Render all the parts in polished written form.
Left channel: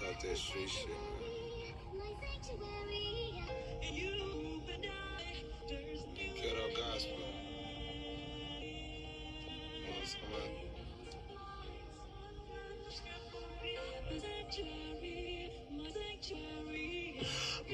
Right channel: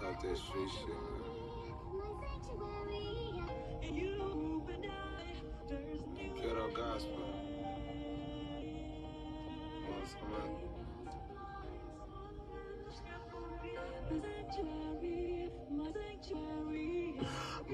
Talk that street shit, man. Ghetto gospel.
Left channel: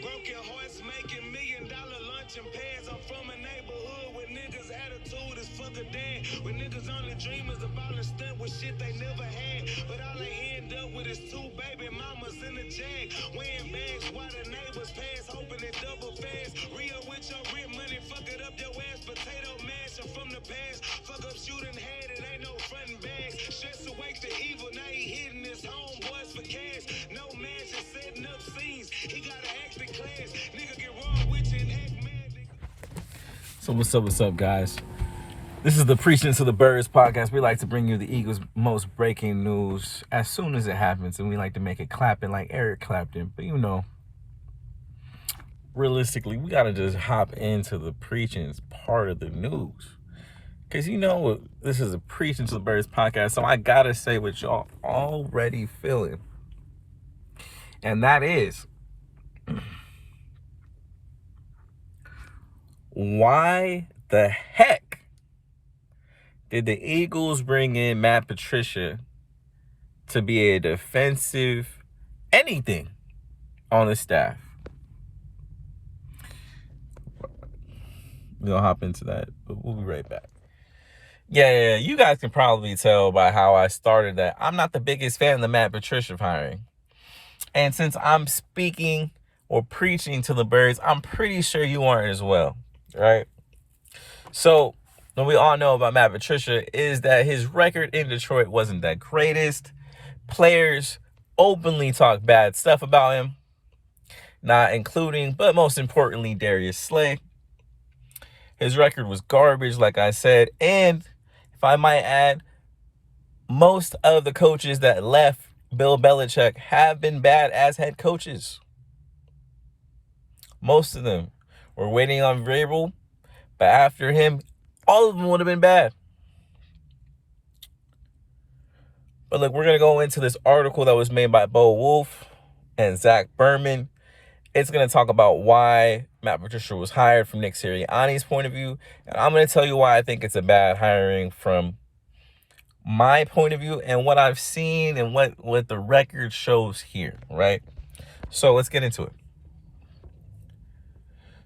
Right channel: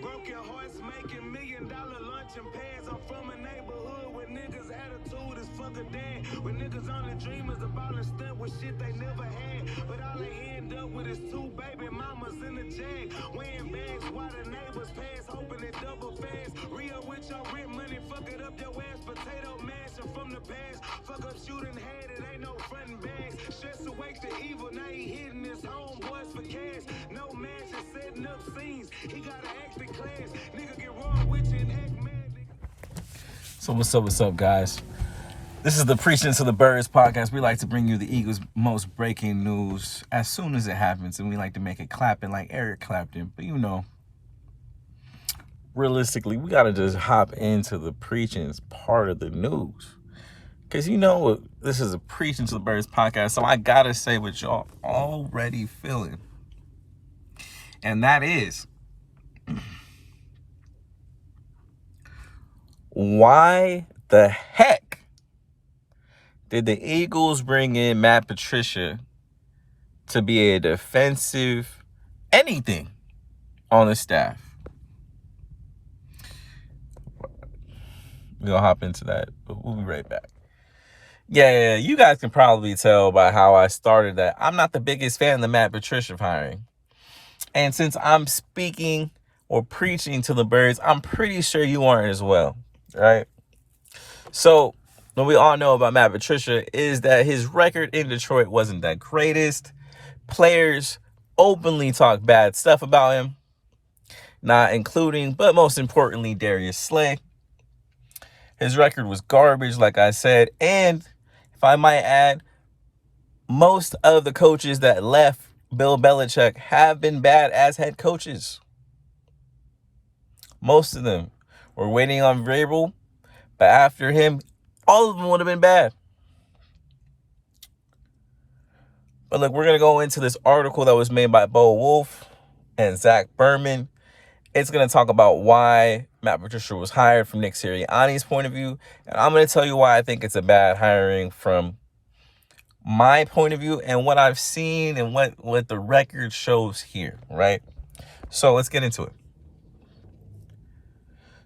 Broken hearts making $1 million luncheon pads. I'm from a neighborhood where niggas' attitude is fuck a dad. Where niggas only dreamers about a stunt with shit they never had. But all they end up with is 2 baby mamas in the jag. Wearing bags while the neighbors pass, hoping it double fast. Real with your rent money, fuck it up your ass. Potato mash from the past. Fuck up shooting head, it ain't no frontin' bags. Stress awake to evil, now he hitting his homeboys for cash. No match and setting up scenes. He gotta act the class. Nigga get wrong with you and act mad. So what's up, guys? This is the Preaching to the Birds podcast. We like to bring you the Eagles' most breaking news as soon as it happens, and we like to make it clapping like Eric Clapton. But realistically, we gotta just hop into the preaching's part of the news. Because this is a Preaching to the Birds podcast, so I gotta say what y'all already feeling. And that is, why the heck did the Eagles bring in Matt Patricia to be a defensive anything on the staff? We'll hop into that, but we'll be right back. Yeah, you guys can probably tell by how I started that I'm not the biggest fan of the Matt Patricia hiring. And since I'm speaking or preaching to the birds, I'm pretty sure you aren't as well, right? So what we all know about Matt Patricia is that his record in Detroit wasn't that greatest. Players openly talk bad stuff about him, not including, but most importantly, Darius Slay. His record was garbage, like I said. And if I might add, most of the coaches that left Bill Belichick have been bad as head coaches. Most of them were waiting on Vrabel, but after him, all of them would have been bad. But look, we're going to go into this article that was made by Bo Wolf and Zach Berman. It's going to talk about why Matt Patricia was hired from Nick Sirianni's point of view. And I'm going to tell you why I think it's a bad hiring from my point of view and what I've seen and what the record shows here, right? So let's get into it.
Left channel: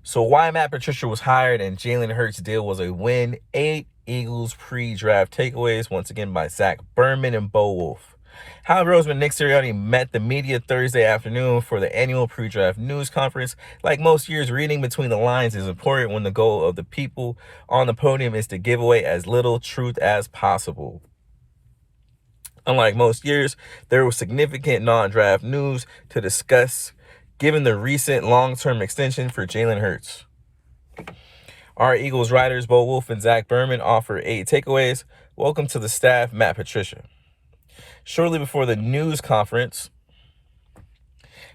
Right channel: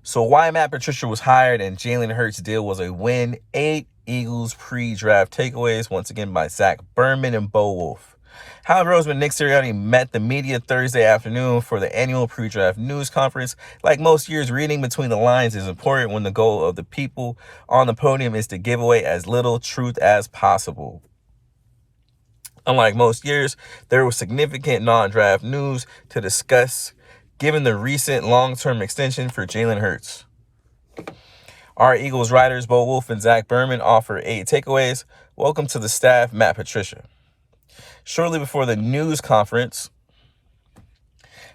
So why Matt Patricia was hired and Jalen Hurts' deal was a win. 8 Eagles pre-draft takeaways, once again by Zach Berman and Bo Wolf. However, Roseman Nick Sirianni met the media Thursday afternoon for the annual pre-draft news conference. Like most years, reading between the lines is important when the goal of the people on the podium is to give away as little truth as possible. Unlike most years, there was significant non-draft news to discuss given the recent long-term extension for Jalen Hurts. Our Eagles writers, Bo Wolf and Zach Berman, offer 8 takeaways. Welcome to the staff, Matt Patricia. Shortly before the news conference,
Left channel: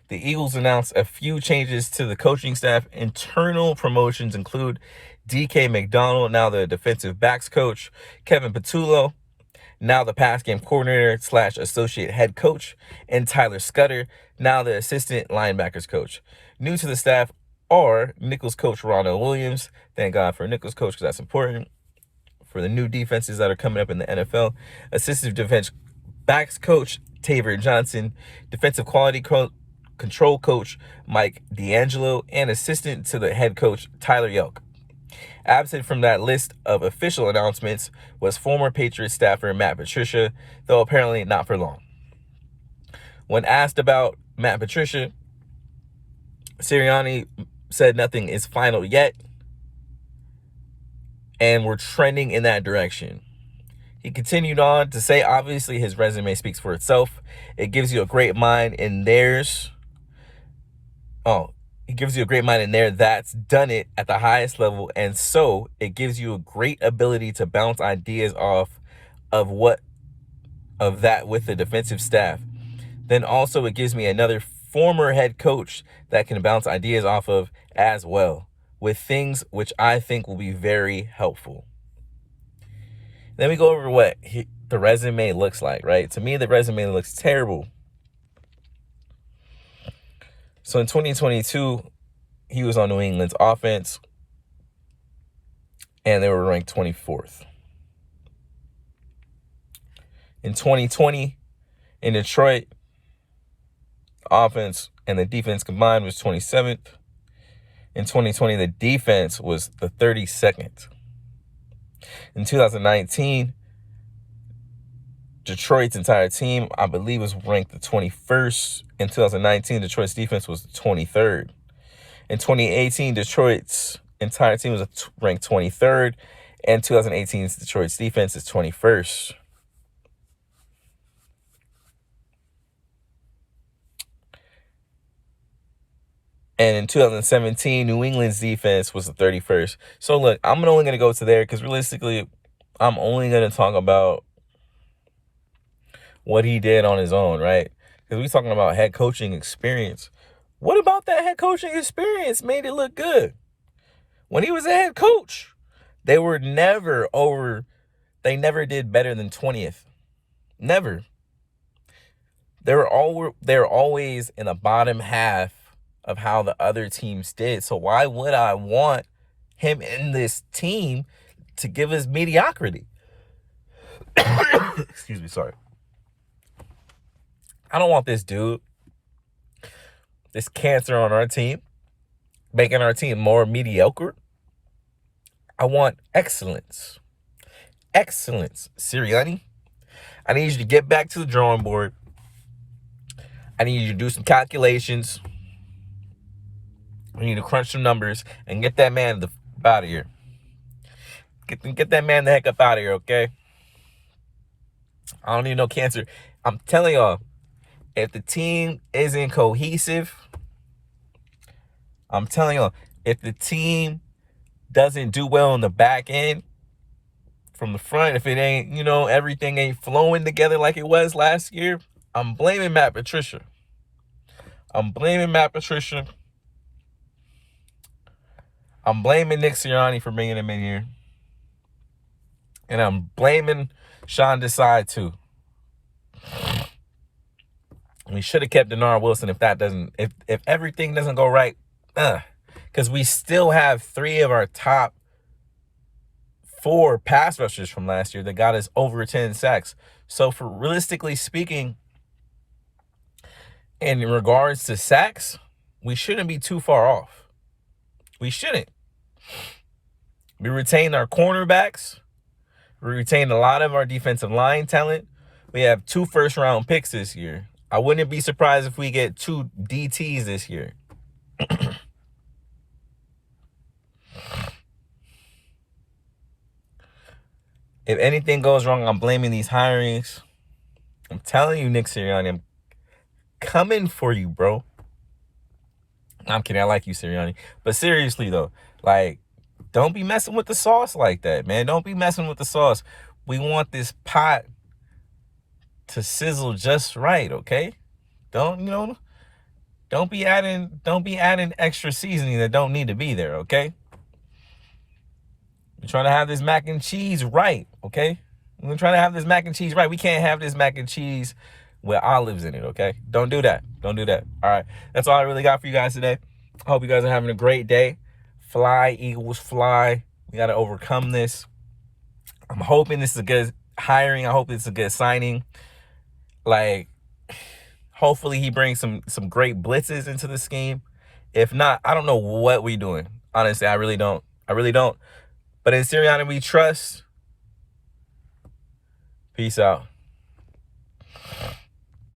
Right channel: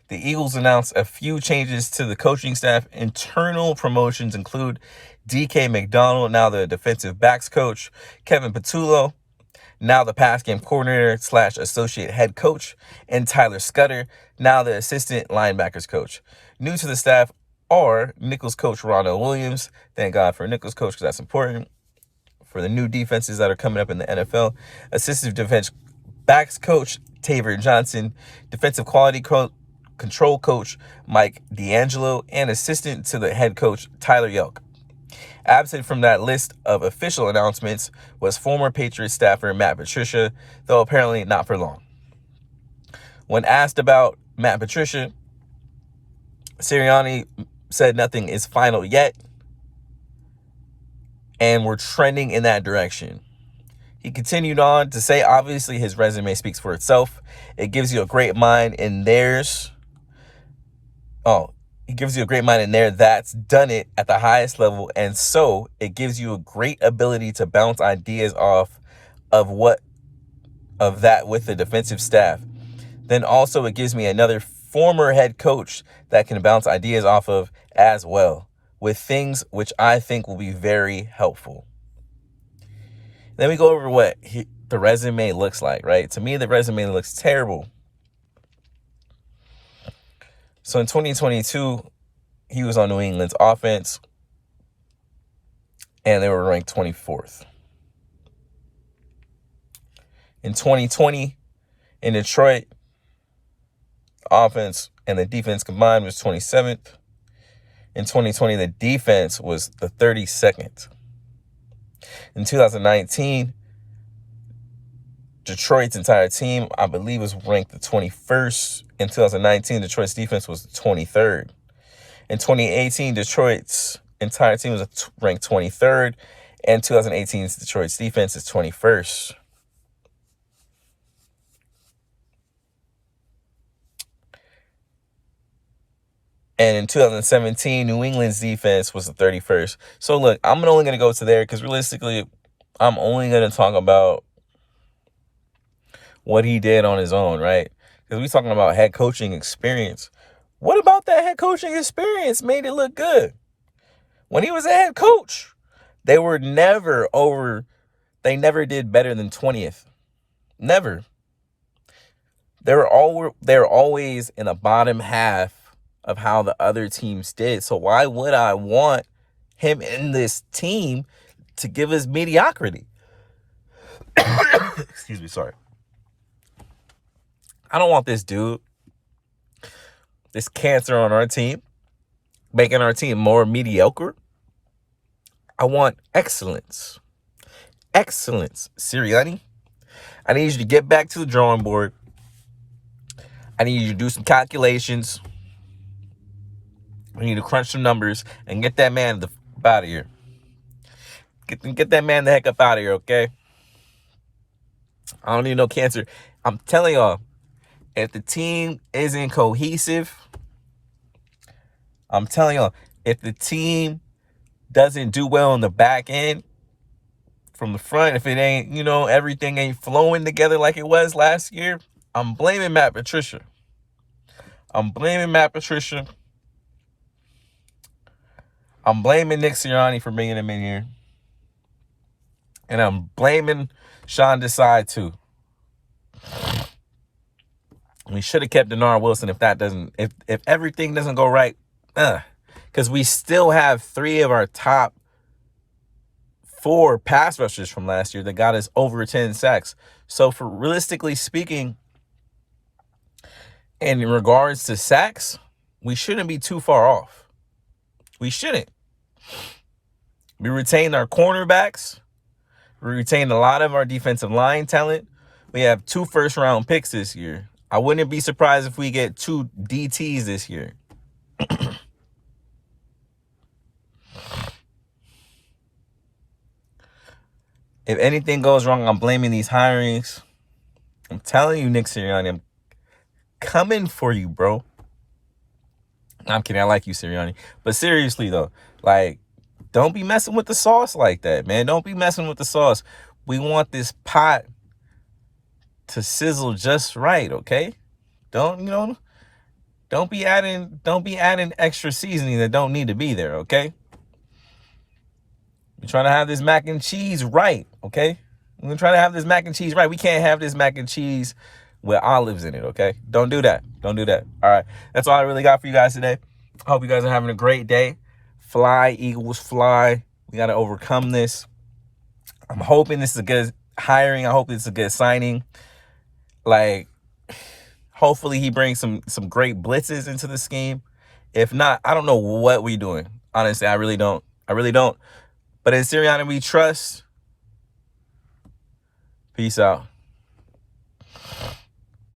the Eagles announced a few changes to the coaching staff. Internal promotions include DK McDonald, now the defensive backs coach, Kevin Patullo, now the pass game coordinator / associate head coach, and Tyler Scudder, now the assistant linebackers coach. New to the staff are Nicholls coach Ronald Williams. Thank God for Nicholls coach because that's important for the new defenses that are coming up in the NFL. Assistant defense backs coach Taver Johnson, defensive quality control coach Mike D'Angelo, and assistant to the head coach Tyler Yelk. Absent from that list of official announcements was former Patriots staffer Matt Patricia, though apparently not for long. When asked about Matt Patricia, Sirianni said nothing is final yet, and we're trending in that direction. He continued on to say, obviously, his resume speaks for itself. It gives you a great mind in theirs. He gives you a great mind in there that's done it at the highest level. And so it gives you a great ability to bounce ideas off of that with the defensive staff. Then also it gives me another former head coach that can bounce ideas off of as well, with things which I think will be very helpful. Let me go over what the resume looks like, right? To me, the resume looks terrible. So in 2022, he was on New England's offense, and they were ranked 24th. In 2020, in Detroit, offense and the defense combined was 27th. In 2020, the defense was the 32nd. In 2019, Detroit's entire team, I believe, was ranked the 21st. In 2019, Detroit's defense was the 23rd. In 2018, Detroit's entire team was ranked 23rd. And 2018's Detroit's defense is 21st. And in 2017, New England's defense was the 31st. So, look, I'm only going to go to there because realistically, I'm only going to talk about what he did on his own, right? Because we're talking about head coaching experience. What about that head coaching experience made it look good? When he was a head coach, they never did better than 20th. Never. They were always in the bottom half of how the other teams did. So why would I want him in this team to give us mediocrity? Excuse me, sorry. I don't want this dude, this cancer on our team, making our team more mediocre. I want excellence. Excellence. Sirianni, I need you to get back to the drawing board. I need you to do some calculations. I need to crunch some numbers and get that man out of here. Get that man the heck up out of here, okay? I don't need no cancer. I'm telling y'all, if the team isn't cohesive, I'm telling y'all, if the team doesn't do well in the back end, from the front, if it ain't, everything ain't flowing together like it was last year, I'm blaming Matt Patricia. I'm blaming Nick Sirianni for bringing him in here. And I'm blaming Sean Desai too. We should have kept Denard Wilson if everything doesn't go right. Because we still have 3 of our top 4 pass rushers from last year that got us over 10 sacks. So for realistically speaking, in regards to sacks, we shouldn't be too far off. We shouldn't. We retained our cornerbacks. We retained a lot of our defensive line talent. We have 2 first-round picks this year. I wouldn't be surprised if we get 2 DTs this year. If anything goes wrong, I'm blaming these hirings. I'm telling you, Nick Sirianni, I'm coming for you, bro. I'm kidding. I like you, Sirianni. But seriously, though, don't be messing with the sauce like that, man. Don't be messing with the sauce. We want this pot to sizzle just right, okay? Don't be adding extra seasoning that don't need to be there, okay? We're trying to have this mac and cheese right, okay? We're trying to have this mac and cheese right. We can't have this mac and cheese with olives in it, okay? Don't do that. All right. That's all I really got for you guys today. I hope you guys are having a great day. Fly, Eagles, fly. We got to overcome this. I'm hoping this is a good hiring. I hope it's a good signing. Hopefully he brings some great blitzes into the scheme. If not, I don't know what we're doing. Honestly, I really don't. But in Sirianni we trust. Peace out.